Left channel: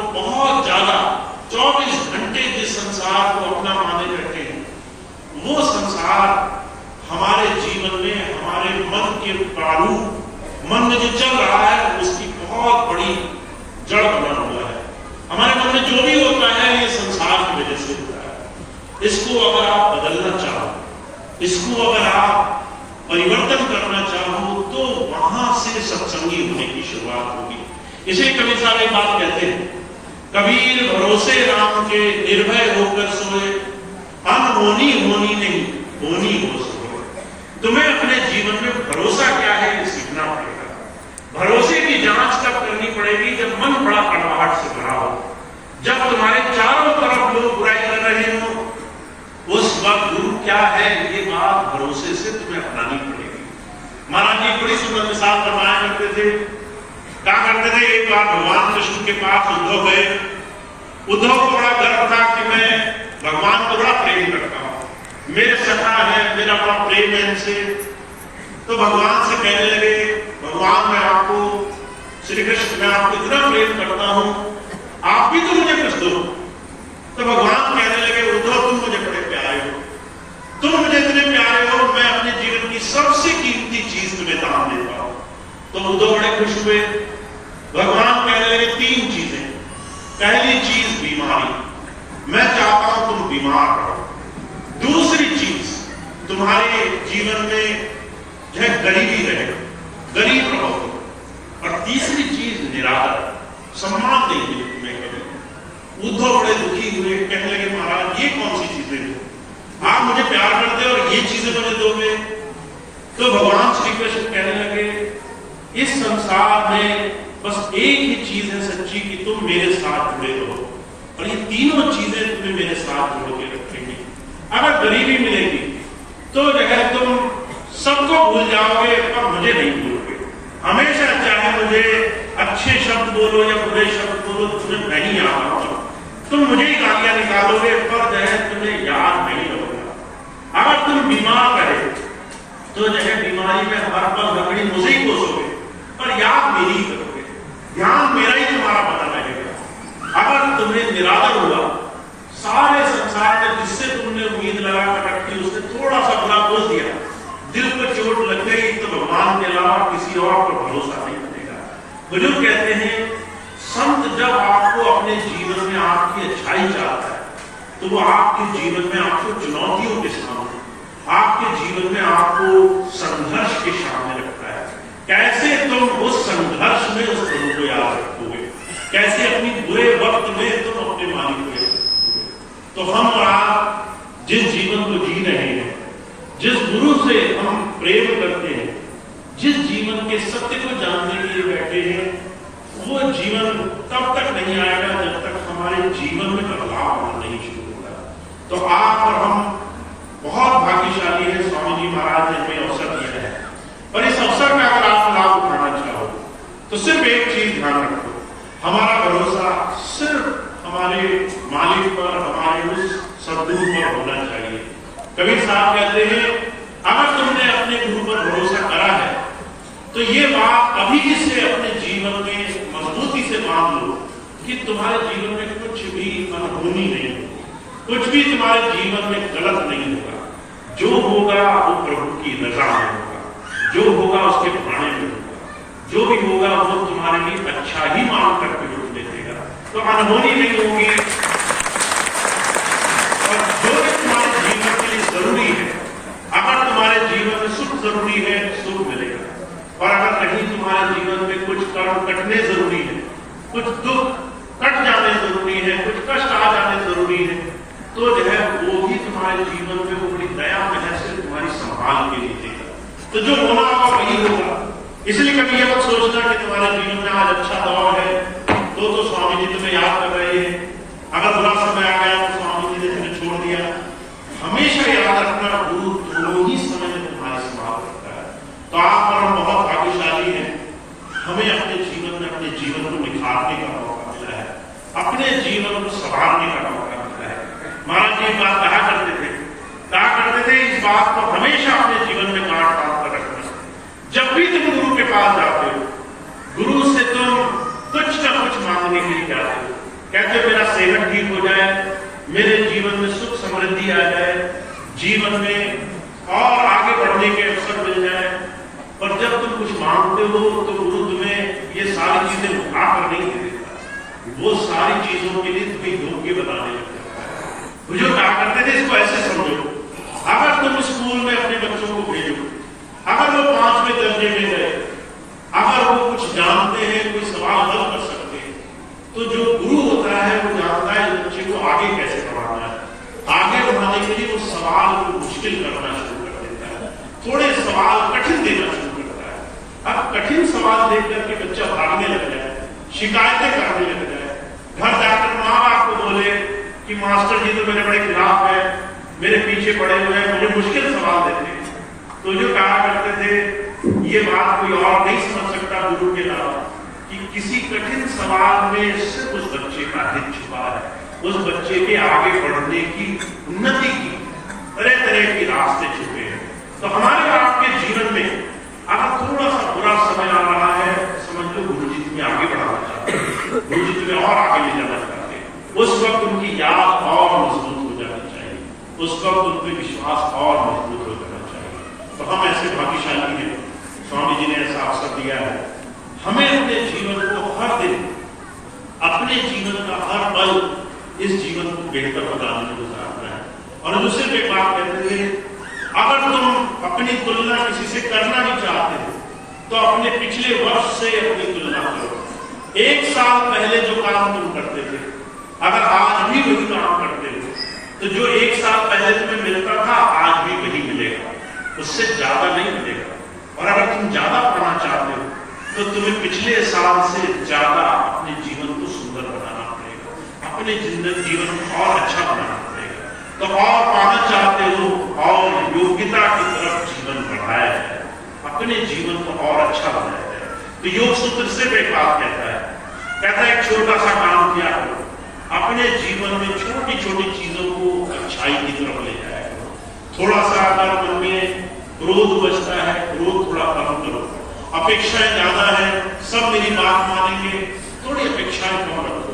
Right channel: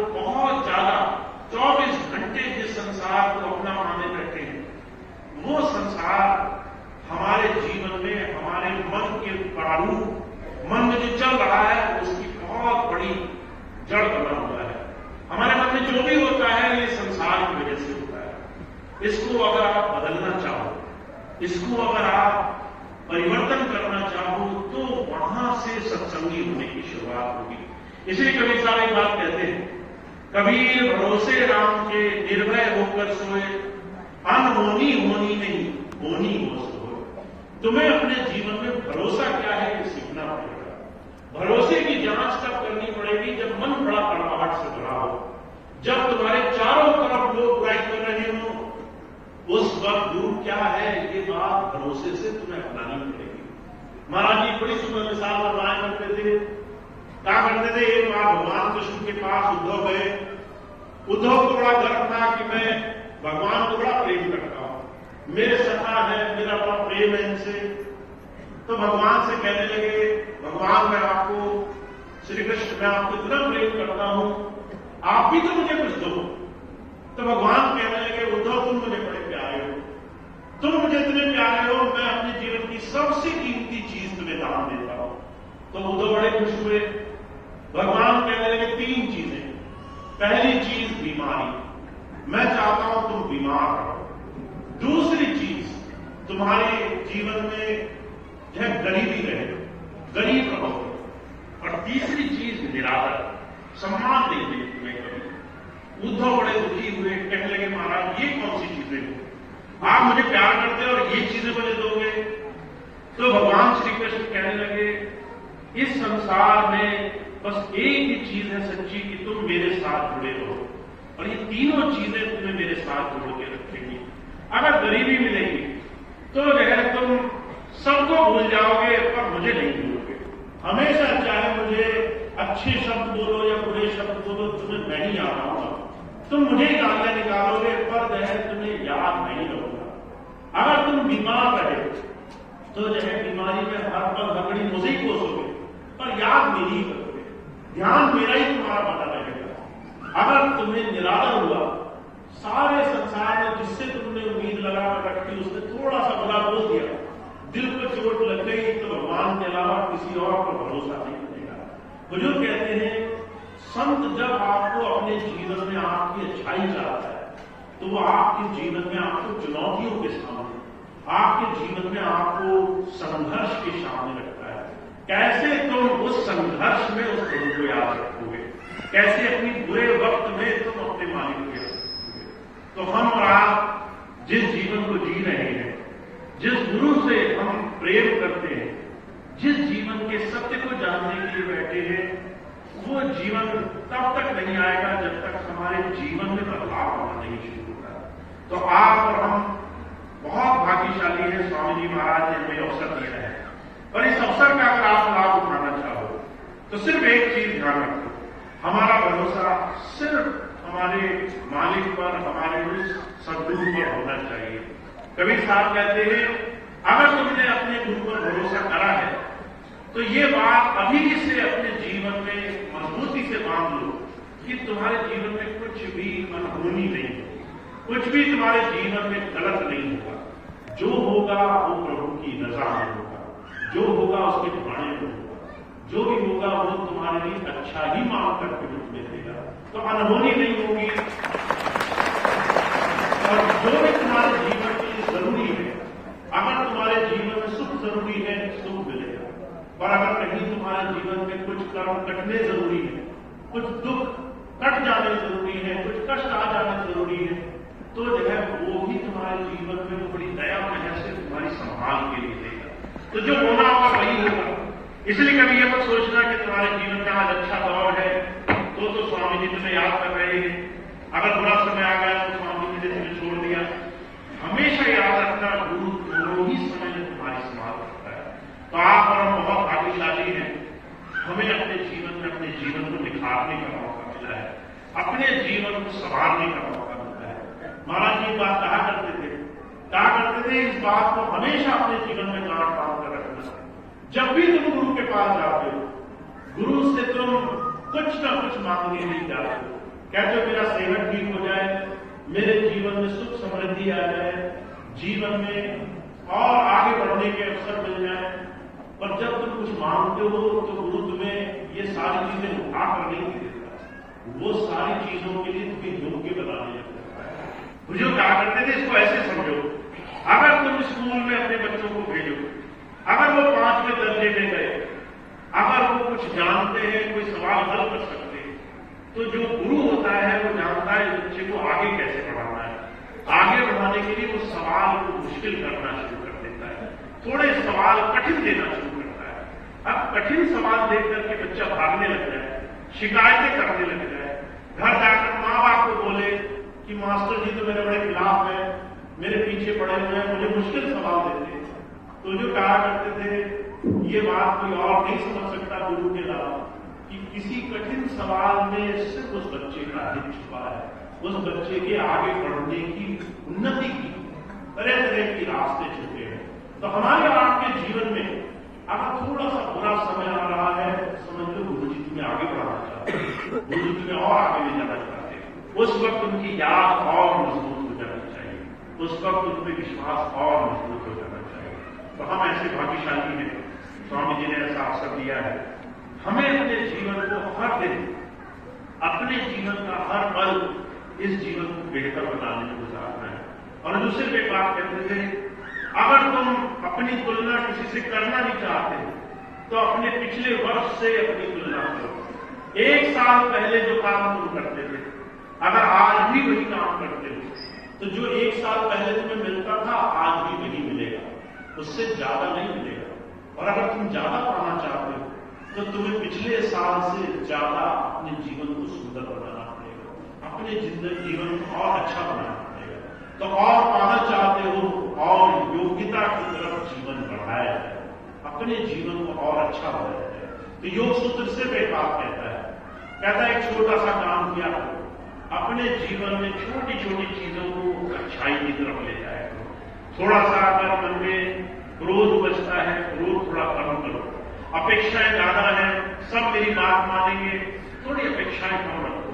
को बहुत ज्यादा 24 घंटे जिस संसार को अपना माने बैठे हैं, वो संसार हमारे जीवन में हमारे मन के प्रारूप, मन में जो चल रहा है उसकी बहुत बड़ी जड़ बना हुआ है। हमारे मन में जो भी होता है ये संसार की वजह से होता है। इसको अगर आप बदलना चाहो, इसको अगर आप परिवर्तन करना चाहो, तो वहां से सत्संगी होने की शुरुआत होगी। इसे कबीर साहब एक बात कहते हैं, कबीर भरोसे राम के निर्भय होकर सोए, अनहोनी होनी नहीं होनी हो सोए। तुम्हें अपने जीवन में भरोसा क्या है ये सीखना पड़ेगा। भरोसे की जांच कब करनी पड़ेगी? जब मन बड़ा कड़वाहट से भरा हो, जब तुम्हारे चारों तरफ लोग बुराई कर रहे हो, उस वक्त गुरु क्या है ये बात भरोसे से तुम्हें अपनानी पड़ेगी। महाराज जी बड़ी सुंदर मिसाल बनाया करते थे। क्या करते थे? एक बार भगवान कृष्ण के पास उद्धव गए। उद्धव को बड़ा गर्व था कि मैं भगवान को बड़ा प्रेम करता हूं, मेरे सखा है, मेरा बड़ा प्रेम है इनसे। तो भगवान से कहने लगे, भगवान मैं आपको, श्री कृष्ण मैं आपको इतना प्रेम करता हूं, आप भी तो मुझे कुछ दो। तो भगवान कहने लगे, उद्धव तुम मुझे बड़े प्यारे हो, तुम मुझे इतने प्यारे हो, मैं अपने जीवन की सबसे कीमती चीज तुम्हें दान देता हूं। तो उद्धव बड़े खुश हुए। भगवान कहने लगे 3 चीजें। पहली चीज बीमारी, मैं चाहता हूं तुम बीमार रहो। दूसरी चीज तुम्हारे जीवन में जो है गरीबी रहे, गरीब रहो। और तीसरी चीज निरादर, सम्मान नहीं मिले तुम्हें कभी। उद्धव बड़े दुखी हुए, कहने लगे महाराज ये कौन सी चीजें हैं, आप मुझे प्यार करते और ये चीजें मुझे दोगे? तो भगवान श्री कृष्ण कहने लगे, इस संसार में बस एक ही चीज है सच्ची कि तुम मेरे साथ जुड़े रहो, और ये तीनों चीजें तुम्हें मेरे साथ जोड़ के रखेंगी। अगर गरीबी मिलेगी तो जो है तुम सबको भूल जाओगे पर मुझे नहीं भूलोगे। हमेशा चाहे मुझे अच्छे शब्द बोलो या बुरे शब्द बोलो, तुम्हें नहीं याद आऊंगा। तुम मुझे ही गालियां निकालोगे पर जो है तुम्हें याद नहीं रहोगा। अगर तुम बीमार रहे तो जो है बीमारी में हर पल लकड़ी मुझे ही कोसोगे पर याद मेरी ही करोगे, ध्यान मेरा ही तुम्हारा बना रहेगा। अगर तुम्हें निरादर हुआ, सारे संसार में जिससे तुमने उम्मीद लगा कर रखी उसने थोड़ा सा भला बोल दिया, दिल पर चोट लग गई, तो भगवान के अलावा किसी और पर भरोसा नहीं बनेगा। बुजुर्ग कहते हैं, संत जब आपको अपने जीवन में आपकी अच्छाई चाहता है तो वो आपके जीवन में आपको चुनौतियों के सामने, आपके जीवन में आपको संघर्ष के सामने रखता है। कैसे तुम उस संघर्ष में उस प्रभु को याद रखोगे, कैसे अपनी बुरे वक्त में तुम अपने मालिक को याद रखोगे। तो हम और आप जिस जीवन को जी रहे हैं, जिस गुरु से हम प्रेम करते हैं, जिस जीवन के सत्य को जानने के लिए बैठे हैं, वो जीवन तब तक नहीं आएगा जब तक हमारे जीवन में बदलाव होना नहीं शुरू होगा। तो आप और हम बहुत भाग्यशाली है, स्वामी जी महाराज ने हमें अवसर दिया है। और इस अवसर का अगर आप लाभ उठाना चाहो तो सिर्फ एक चीज ध्यान रखो, हमारा भरोसा सिर्फ हमारे मालिक पर, हमारे उस सद्गुरु पर होना चाहिए। कबीर साहब कहते हैं, अगर तुमने अपने गुरु पर भरोसा करा है तो ये बात अभी से अपने जीवन में मजबूती से बांध लो कि तुम्हारे जीवन में कुछ भी अनहोनी नहीं होगी, कुछ भी तुम्हारे जीवन में गलत नहीं होगा। जो होगा वो प्रभु की रजा में होगा, जो होगा उसके भाने में होगा, जो भी होगा वो तुम्हारे लिए अच्छा ही मांग करके जुड़ने देगा। तो अनहोनी नहीं होगी, और जो भी तुम्हारे जीवन के लिए जरूरी है, अगर तुम्हारे जीवन में सुख जरूरी है, सुख मिलेगा। और अगर कहीं तुम्हारे जीवन में कुछ कर्म कटने जरूरी है, कुछ दुख कट जाने जरूरी है, कुछ कष्ट आ जाने जरूरी है, तो जो है वो भी तुम्हारे जीवन में वो बड़ी दया महज से तुम्हारी संभाल के लिए देगा। तो जो होना होगा वही होगा। इसलिए कभी ये मत सोचना कि तुम्हारे जीवन में आज अच्छा दौर है तो स्वामी जी तुम्हें याद कर रहे हैं, अगर बुरा समय आ गया तो स्वामी जी ने तुम्हें छोड़ दिया। हमेशा याद रखना, गुरु दोनों ही समय में तुम्हारी संभाल करता है। तो आप और हम बहुत भाग्यशाली हैं, हमें अपने जीवन में अपने जीवन को निखारने का मौका मिला है, अपने जीवन को संभालने का मौका मिला है। महाराज जी बात कहा करते थे इस बात को हमेशा अपने जीवन में गांठ बांध कर रखना। जब भी तुम गुरु के पास जाते हो, गुरु से तुम कुछ न कुछ मांगने के लिए जाते हो, कहते मेरा सेहत ठीक हो जाए, मेरे जीवन में सुख समृद्धि आ जाए, जीवन में और आगे बढ़ने के अवसर मिल जाए। पर जब तुम कुछ मांगते हो तो गुरु तुम्हें ये सारी चीजें उठाकर नहीं दे देता, वो सारी चीजों के लिए तुम्हें योग्य बनाने लग जाता है। बुजुर्ग कहा करते थे इसको ऐसे समझो, अगर तुम स्कूल में अपने बच्चों को भेजो, अगर वो 5वें दर्जे में गए, अगर वो कुछ जानते हैं, कोई सवाल हल कर सकते हैं, तो जो गुरु होता है वो जानता है बच्चे को आगे कैसे बढ़ाना है। आगे बढ़ाने के लिए वो सवाल को मुश्किल करना शुरू कर देता है, थोड़े सवाल कठिन देना शुरू करता है। अब कठिन सवाल देकर के बच्चा भागने लग जाए, शिकायतें करने लग जाए, घर जाकर माँ बाप को बोले कि मास्टर जी तो मेरे बड़े खिलाफ है, मेरे पीछे पड़े हुए हैं, मुझे मुश्किल सवाल देते हैं। तो जो कहा करते थे, ये बात कोई और नहीं समझ सकता गुरु के अलावा, कि किसी कठिन सवाल में सिर्फ उस बच्चे का हित छुपा है, उस बच्चे के आगे बढ़ने की, उन्नति की तरह तरह के रास्ते छुपे हैं। तो हमारे आपके जीवन में अगर थोड़ा सा बुरा समय आ रहा है, समझ लो गुरु जी तुम्हें आगे बढ़ाना चाहते हैं, गुरु जी तुम्हें और आगे ले जाना चाहते हैं। उस वक्त उनकी याद और मजबूत हो जानी चाहिए, उस वक्त उन पर विश्वास और मजबूत हो जाना चाहिए। तो हम ऐसे भाग्यशाली हैं, स्वामी जी ने ऐसा अवसर दिया है। हमें अपने जीवन को हर दिन, अपने जीवन का हर पल, इस जीवन को बेहतर बनाने में गुजारना है। और दूसरे पे बात कहते थे, अगर तुम अपनी तुलना किसी से करना नहीं चाहते तो अपने पिछले वर्ष से अपनी तुलना करो। 1 साल पहले जो काम तुम करते थे, अगर आज भी वही काम करते हो, तो जो 1 साल पहले तुम्हें मिलता था आज भी वही मिलेगा, उससे ज्यादा नहीं मिलेगा। और अगर तुम ज्यादा पाना चाहते हो तो तुम्हें पिछले साल से ज्यादा अपने जीवन को सुंदर बनाना पड़ेगा, अपने जीवन को और अच्छा बनाना पड़ेगा। तो और पाना चाहते हो और योग्यता की तरफ जीवन बढ़ाया जाए, अपने जीवन को और अच्छा बनाया जाए। तो योग सूत्र से एक बात कहता है एक छोटा सा काम किया करो, अपने जीवन में छोटी छोटी चीजों को अच्छाई की तरफ ले जाया करो। थोड़ा सा अगर मन में क्रोध बचता है, क्रोध थोड़ा कम करो। अपेक्षाएं ज्यादा है, सब मेरी बात मानेंगे, थोड़ी अपेक्षाएं कम रखो।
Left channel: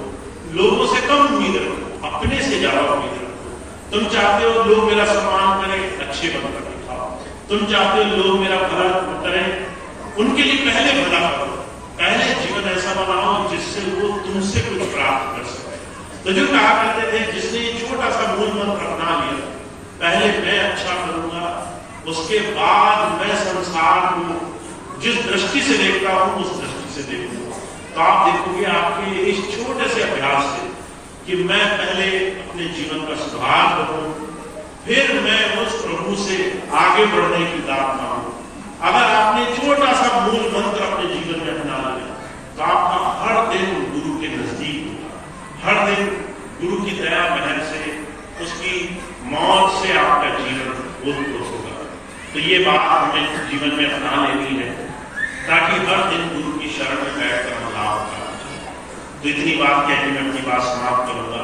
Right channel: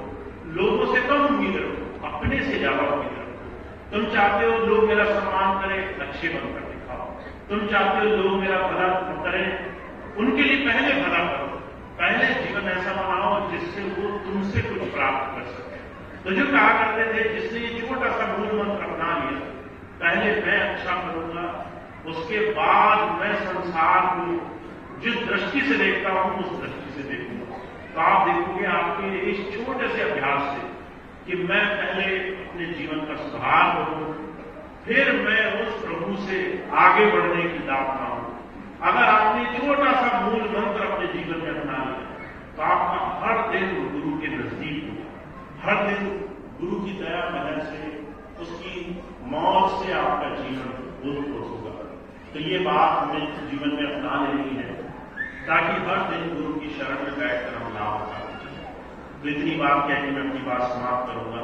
लोगों से कम उम्मीद रखो, अपने से ज्यादा उम्मीद रखो। तुम चाहते हो लोग मेरा सम्मान करें, अच्छे बनकर दिखाओ। तुम चाहते हो लोग मेरा भला करें, उनके लिए पहले भला करो, पहले जीवन ऐसा बनाओ जिससे वो तुमसे कुछ प्राप्त कर सके। तो जो कहा करते थे, जिसने ये छोटा सा मूल मंत्र अपना लिया, पहले मैं अच्छा करूंगा, उसके बाद मैं संसार को जिस दृष्टि से देखता हूं उस दृष्टि से देखूंगा। तो आप देखोगे आपके इस छोटे से अभ्यास से कि मैं पहले अपने जीवन का सुधार करूं, फिर मैं उस प्रभु से आगे बढ़ने की दात मांगू। अगर आपने छोटा सा मूल मंत्र अपने जीवन में अपना लिया तो आपका हर दिन गुरु के नजदीक होगा, हर दिन गुरु की दया महर से, उसकी मौत से आपका जीवन उत्पन्न होगा। तो ये बात हमें जीवन में अपना लेनी है ताकि हर दिन गुरु की शरण में बैठकर हम लाभ उठाना चाहिए। तो इतनी बात कह के मैं अपनी बात समाप्त करूंगा।